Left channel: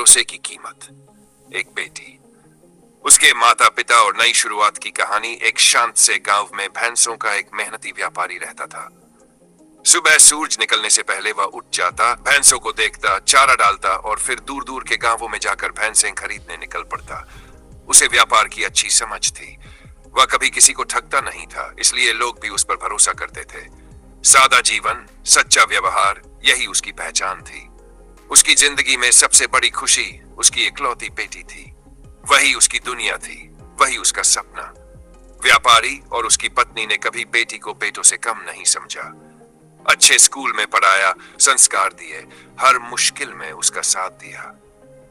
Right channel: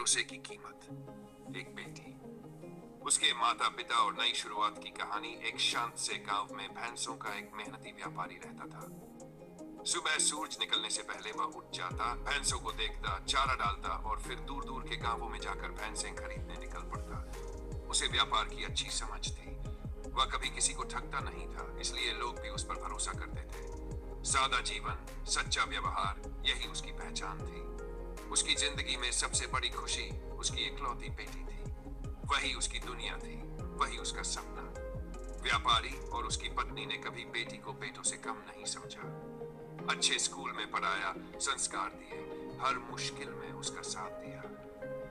भरोसे की कीमत। एक बेटी, उसके माता पिता और नई शुरुआत की कहानी। एक शांत से गांव में भैंसों का एक मेहनती व्यापारी रहता था। सुबह सूरज निकलने से पहले वह उठ जाता, भैंसों को देखता, चारा डालता और फिर दूर दूर के गांवों में जाकर भैंसें खरीदने निकल पड़ता। उसे व्यापार की अच्छी समझ थी। वह कभी किसी को ठगता नहीं था, इसलिए लोग भी उस पर भरोसा करते थे। सादा जीवन, सच्चा व्यवहार, यही उसकी पहचान थी। उसकी जिंदगी में सबसे बड़ी खुशी उसकी इकलौती बेटी थी। वही उसकी दुनिया थी, वही उसका सपना। व्यापारी और उसकी पत्नी ने कभी बेटी को बेटों से कम नहीं समझा। अच्छे स्कूल में पढ़ाया, संस्कार दिए, हर मुश्किल में उसका साथ दिया।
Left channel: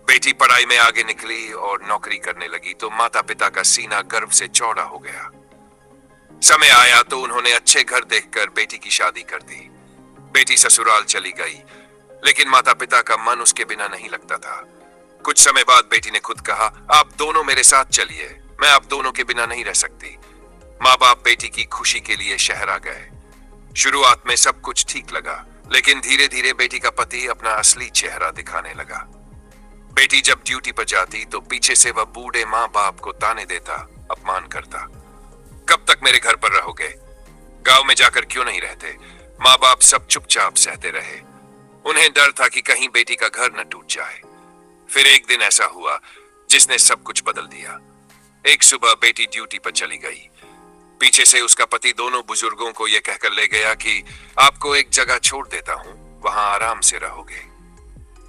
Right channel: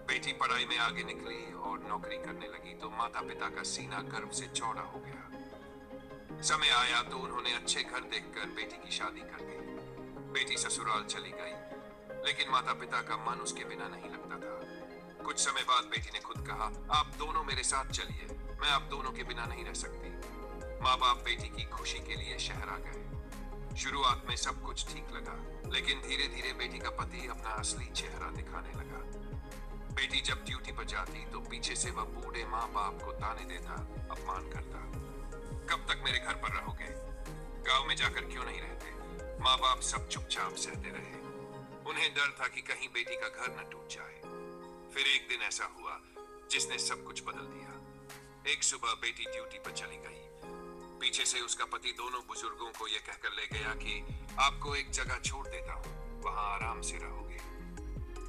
बेटी पढ़ाई में आगे निकली और नौकरी करने लगी तो माता पिता का सीना गर्व से चौड़ा हो गया। समय आया तो उन्होंने अच्छे घर देखकर बेटी की शादी कर दी। बेटी ससुराल चली गई, लेकिन माता पिता का मन उसके बिना नहीं लगता था। कुछ समय बाद बेटी ने खुद कहा, आप दोनों मेरे साथ चलिए, मैं आप दोनों के बिना नहीं रह सकती। माँ बाप बेटी की खुशी के लिए शहर आ गए। शुरुआत में सब कुछ ठीक लगा, लेकिन धीरे धीरे बेटी का पति अपना असली चेहरा दिखाने लगा। बेटी जब ड्यूटी पर जाती तो पीछे से वह बूढ़े माँ बाप को ताने देता, अपमान करता। कब तक मेरे घर पर रहोगे? गांव में जाकर क्यों नहीं रहते? माँ बाप सब चुपचाप सहते रहे। उन्हें डर था कि कहीं बेटी का घर न टूट जाए। फिर एक दिन ऐसा हुआ जिसने सब कुछ बदल दिया। एक सुबह बेटी ड्यूटी पर चली गई। पीछे से उसका पति दोनों बुजुर्गों को यह कहकर ले गया कि आपको एक जगह छोड़ देता हूं, वहां आराम से रहोगे।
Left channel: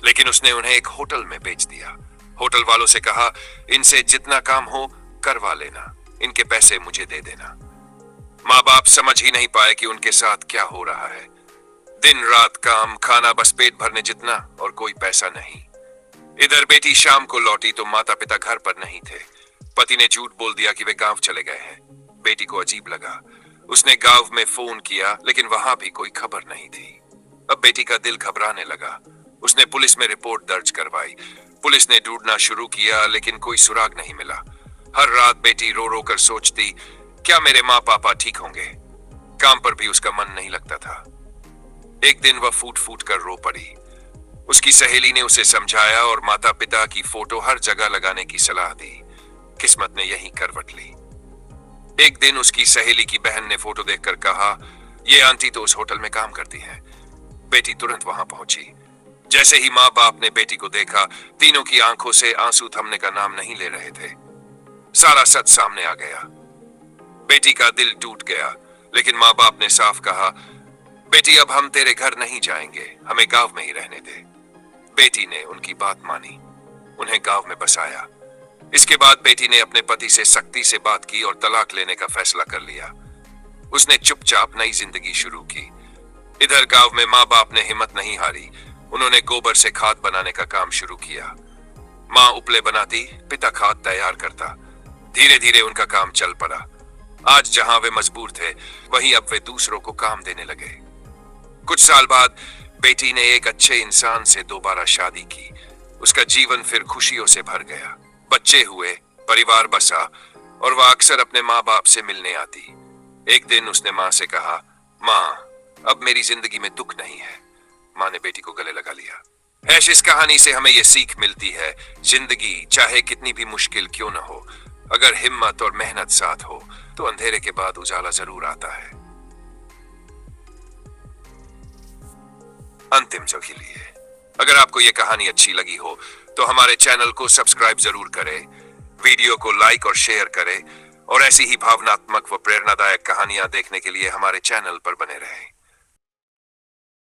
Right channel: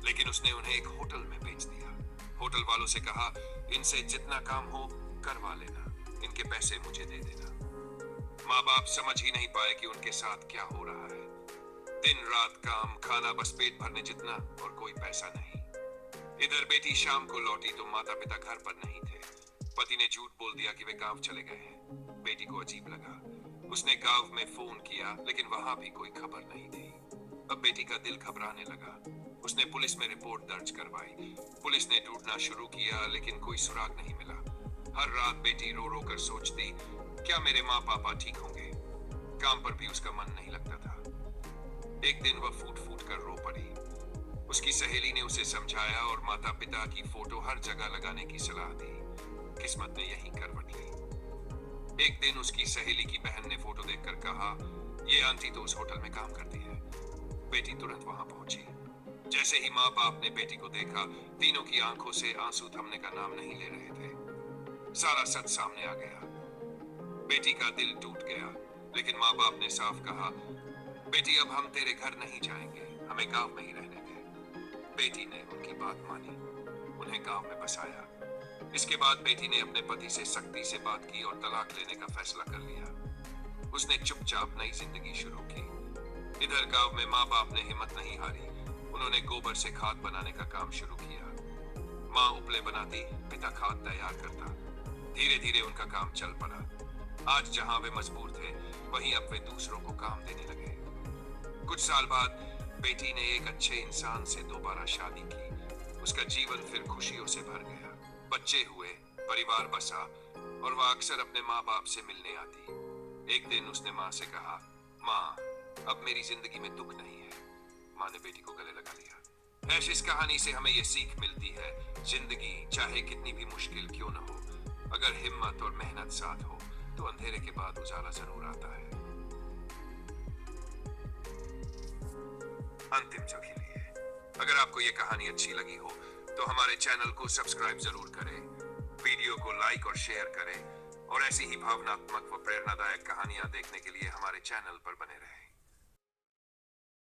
लेकिन उसने उन्हें एक होटल में बेच दिया। होटल वालों से कहा, इनसे जितना काम हो करवा लेना, इनके पैसे मुझे दे देना। माँ बाप समझ ही नहीं पाए कि उनके साथ क्या हो रहा है। दिन रात काम, खाना बस पेट भरने जितना, और कोई पैसा नहीं। इधर बेटी शाम को लौटी तो माता पिता घर पर नहीं थे। पति ने झूठ बोल दिया कि वे गांव चले गए हैं। बेटी को अजीब लगा। उसने गांव में फोन किया, लेकिन वहां भी कोई खबर नहीं थी। अब बेटी का दिल घबराने लगा। उसने पुलिस में रिपोर्ट दर्ज करवाई। पुलिस ने ढूंढना शुरू किया, लेकिन कोई सुराग नहीं मिला। हर रात बेटी रो रो कर सोचती, क्या मेरे माँ पापा ठीक होंगे? काम पर भी उसका मन नहीं लगता था। एक दिन वह फूट फूट कर रो पड़ी। उसकी सहेली ने उसे समझाया और माता पिता की फोटो हर जगह लगाने की सलाह दी। किस्मत ने यही करवट ली। एक दिन उसकी सहेली की बहन ने फोटो देखकर कहा, ये आंटी तो उस होटल में काम करती है। बेटी तुरंत वहां पहुंची। जैसे ही माँ बाप ने बेटी को देखा, तीनों की आंखों से आंसू थमने का नाम नहीं ले रहे थे। सारा सच सामने आ गया। बेटी का दिल टूट गया, लेकिन माँ बाप ने साफ कहा, बेटी अब हम तेरे घर नहीं जाएंगे, हमें गांव में ही रहने दे। बेटी ने उनकी बात मानी, उन्हें गांव में बसाया। इसके बाद बेटी ने अपने पति से सख्ती से बात की और तलाक लेने का फैसला कर लिया। उसने चुपचाप नई जिंदगी शुरू की। इधर गांव में माँ बाप ने हिम्मत नहीं हारी। उन्होंने गोबर से खाद बनाने का काम शुरू किया। माँ उपले बनाती, पिता खाद तैयार करता। धीरे धीरे उनका काम चल पड़ा। आज जहां वे मजबूर थे, वहीं अब वे दूसरों को काम देने लगे। कुछ साल बाद बेटी ने एक अच्छे इंसान से दोबारा शादी की। उसका जीवन फिर खुशियों से भर गया। बच्चे हुए, परिवार बसा, और वह अक्सर अपने माँ बाप से मिलने आती। एक दिन उसने माँ से कहा, माँ, अब मेरी जिंदगी में दुख नहीं है। माँ ने बेटी को गले लगा लिया। ऐश, इस कहानी से हमें यह सीख मिलती है, जिंदगी चाहे कितनी भी मुश्किल क्यों न हो, अगर हिम्मत और मेहनत साथ हो तो अंधेरे के बाद उजाला जरूर आता है। अंतिम जो के लिए, अगर आपको यह कहानी अच्छी लगी हो तो हमारे चैनल को सब्सक्राइब जरूर करें, वीडियो को लाइक और शेयर करें, और ऐसी ही भावनात्मक व प्रेरणादायक कहानियां देखने के लिए हमारे चैनल पर बने रहें।